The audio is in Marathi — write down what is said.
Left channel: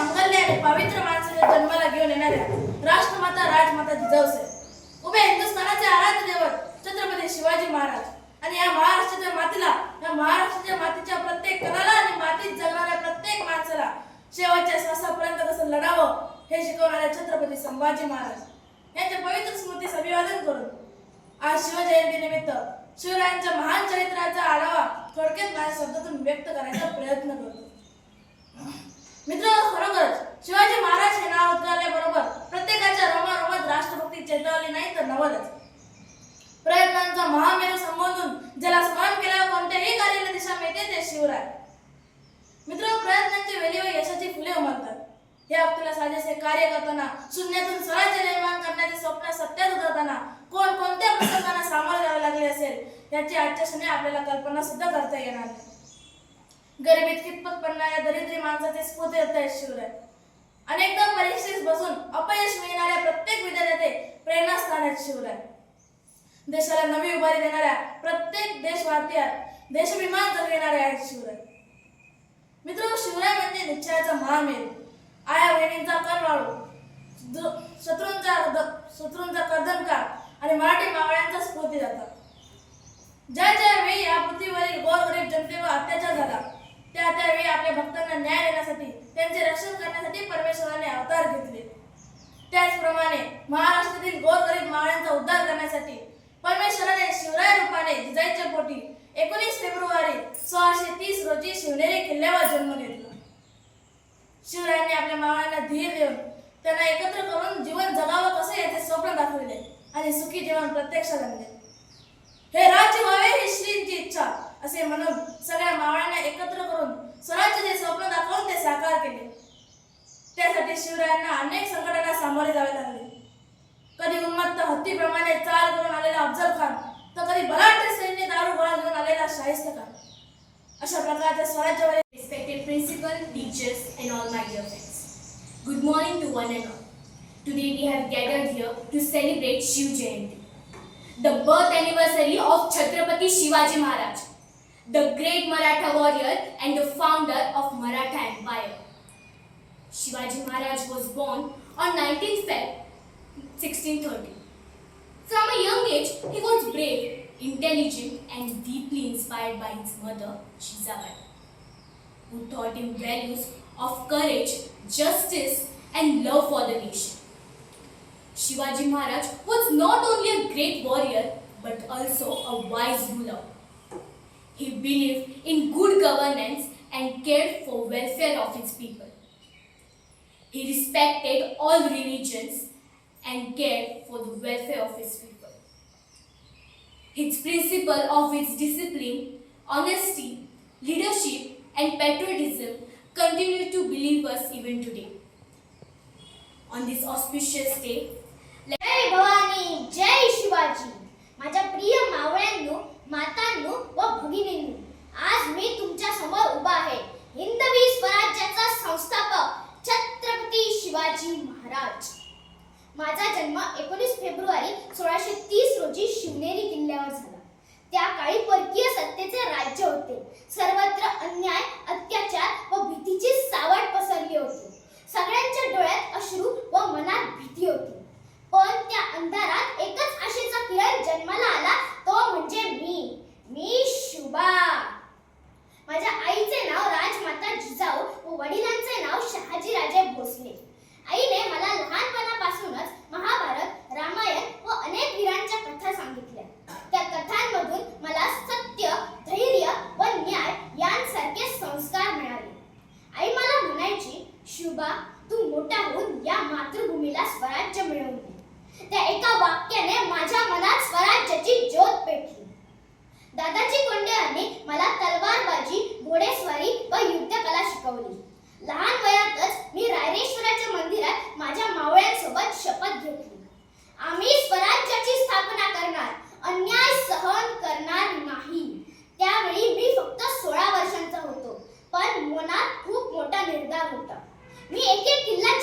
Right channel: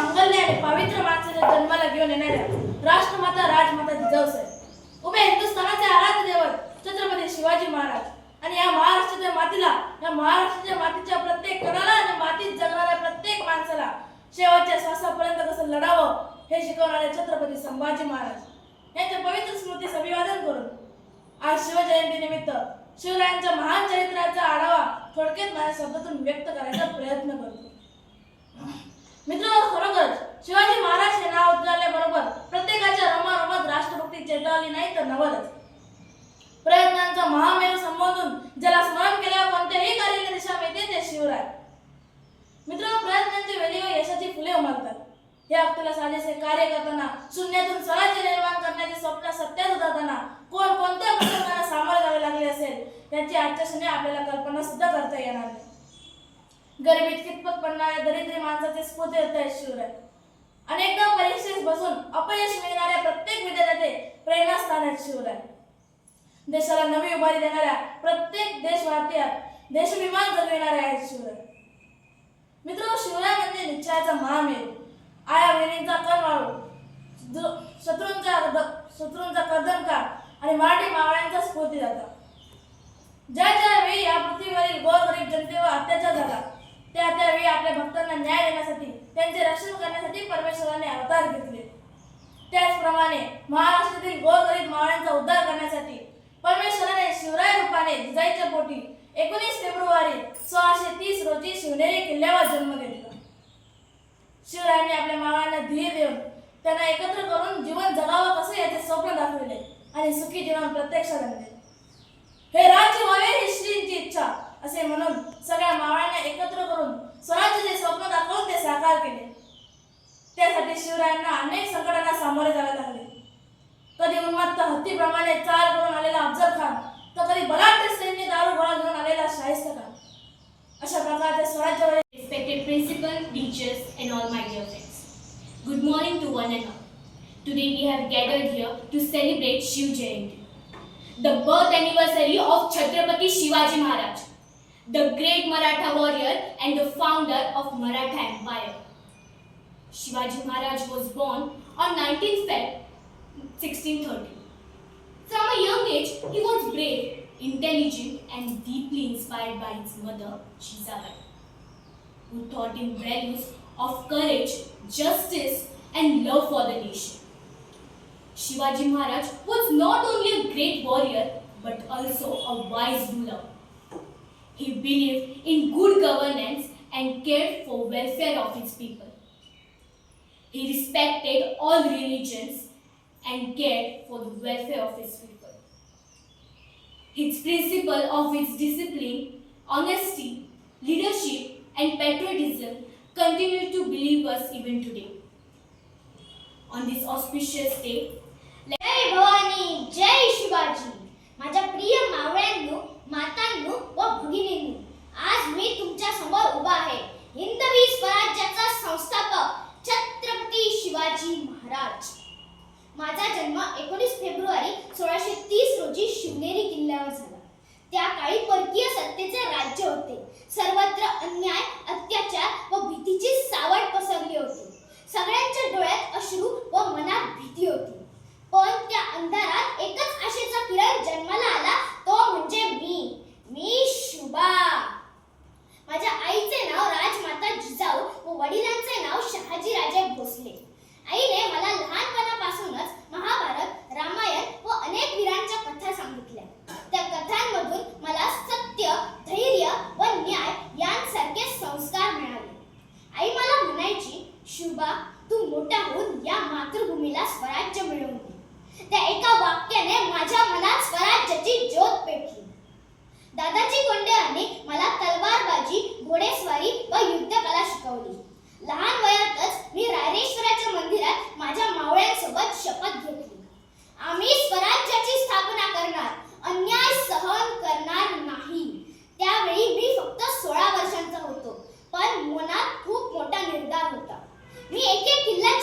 मांगल्य आणि पवित्र माणसाच्या जन्माला घेऊन येणाऱ्या राष्ट्रमाता राजमाता जिजाऊ साहेब, उभे हिंदुस्थानाचे आराध्य दैवत छत्रपती शिवाजी महाराज आणि या महाराष्ट्राच्या मातीला, या महाराष्ट्राच्या मातीच्या प्रत्येक कणाला आणि मातीत जगणाऱ्या प्रत्येक माणसाला शेवटच्या श्वासापर्यंत कसं लढावं हे शिकवणारे छत्रपती संभाजी महाराज यांच्या पवित्र स्मृतीस अभिवादन करून आज शिवजयंती निमित्त शिवरायांच्या महान चरित्राचा आढावा थोडक्यात माझ्या शब्दातून व्यक्त करायचा प्रयत्न करतो. मित्रांनो, खरोखरच शिवाजी महाराज हे नाव उच्चारल्याबरोबर प्रत्येकाच्या रोमारोमात राष्ट्रभक्ती चेतावली नाही तर नवलच. प्रयत्नांचा महामेरू संबोधून ज्याला स्मरण केल्यावर कोणत्याही कार्याला दिशा मिळते ते शिवराय. मित्रांनो, प्रयत्नांची वेळेवर यशाची फुले उमलतात. या व्यक्तीला साजेसे कार्य करताना, शून्यातून स्वराज्य निर्माण करण्याचे स्वप्न सत्यात उतरताना कोणत्या प्रसंगांना सामोरे जावे लागले असेल याची आजच्या क्षणी आपल्याला कल्पना सुद्धा करता येणार नाही. गरिबीत खितपत पडणाऱ्या दरिद्री माणसाचे स्फूर्ती आहेत शिवराय. अनेकदा परीक्षेस बसून अपयश मिळणाऱ्या प्रत्येक विद्यार्थ्याचे प्रेरणास्थान आहेत शिवराय. देशाला नवी उभारी देणाऱ्या प्रत्येक देशवासियात देशाभिमान जगविणारे आहेत शिवराय. मित्रांनो, शिवराय म्हणजे निश्चयाचा महामेरू, आया बहिणींचा करवाळू, शत्रूंचा कर्दनकार आणि मराठी मावळ्यांचा स्फूर्तिदाता. ज्या वेळी या पृथ्वीवरील गोरगरीब जनतेवर अत्याचार झाला त्यावेळी आपल्या भक्तांना न्याय देण्यासाठी, त्यांचे रक्षण करण्यासाठी परमेश्वराने अवतार घेतले. त्याचप्रमाणे महाराष्ट्रातील गोरगरीब मावळ्यांचा उद्धार करण्यासाठी परमेश्वराने शिवराय रूपाने जिजाईच्या पोटी 19 फेब्रुवारी 1630 रोजी शिवनेरी किल्ल्यावर जन्म घेतला. शिवरायांनी आपल्या मावळ्यांना धीर देऊन त्यांना एकत्र करून जीवन जगावं कसं याचे स्वप्न दाखवले आणि सुखी जीवन प्रत्यक्षात आणले. हे राज्य व्हावे ही श्रींची इच्छा असे म्हणून सगळ्या मावळ्यांना एकत्र करून स्वराज्याचे स्वप्न दाखवून ते साकार केले. त्यासाठी शिवरायांना अनेक संकटांना सामोरे जावे लागले. कधी उन्मत्त हत्तीप्रमाणे चाल करून आलेला अफजल खान तर कधी बलाढ्य सैन्य दारू गोळा घेऊन आलेला शाहिस्ता खान. अशा प्रकारच्या स्वराज्यावर Respected principal, teachers and all my dear friends. Good morning to one and all. Today we have gathered here to celebrate Shiv Jayanti, the birth anniversary of Chhatrapati Shivaji Maharaj, the great Maratha warrior and the founder of Maratha Empire. Shivaji Maharaj was born on 19th Feb 1630. From a young age, he was brave, intelligent and deeply inspired by his mother, Jizabai, who taught him values of courage, justice and love for the nation. Shivaji Maharaj was not only a great warrior but also a wise ruler. He believed in good governance and cared for welfare of his people. He respected all religions and cared for the welfare of his people. His principle of his discipline, honesty, leadership and patriotism continue to believe us even today. On this auspicious day, जय भवानी, जय शिवाजी. माझ्या प्रिय मावळ्यांनो, मातांनो व भगिनींनो, आज मी तुमच्या समोर उभा आहे. हिंदवी स्वराज्याचा संस्थापक छत्रपती शिवाजी महाराज. माझा जन्म 19 फेब्रुवारी 1630 रोजी शिवनेरी किल्ल्यावर झाला. त्या काळी परकीय सत्तेचे राज्य होते. सर्वत्र अन्याय, अत्याचार व भीतीची सावट पसरली होती. सगळ्यांच्या डोळ्यात अश्रू व मनात भीती होती. पण त्या अंधारात एकच आशेचा किरण जन्माला आला, तो म्हणजे मी शुभा. माझ्या आईचे नाव राजमाता जिजाऊ व वडिलांचे नाव शहाजी राजे भोसले. आईने मला लहानपणापासूनच महाभारत, रामायण व अनेक वीरांच्या कथा सांगितल्या. त्या कथांमधून मला सत्य, धैर्य व न्याय यांसारखे संस्कार मिळाले. आई मला म्हणायची, शुभा, तू मोठा होऊन या मातृभूमीला स्वराज्य मिळवून दे. त्या एका वाक्याने माझ्या मनात स्वराज्याची ज्योत पेटली. दादाजी कोंडेयांनी मला तलवारबाजी, घोडेस्वारी व युद्धकला शिकवली. लहान वयातच मी रायरेश्वराच्या मंदिरात माझ्या मावळ्यांसोबत शपथ घेतली. आम्ही स्वराज्याची स्थापना करणार, अन्याय सहन करणार नाही. त्यावेळी मी फक्त 16 वर्षांचा होतो, पण मनात खूप मोठा निर्धार होता. मी एक किल्ला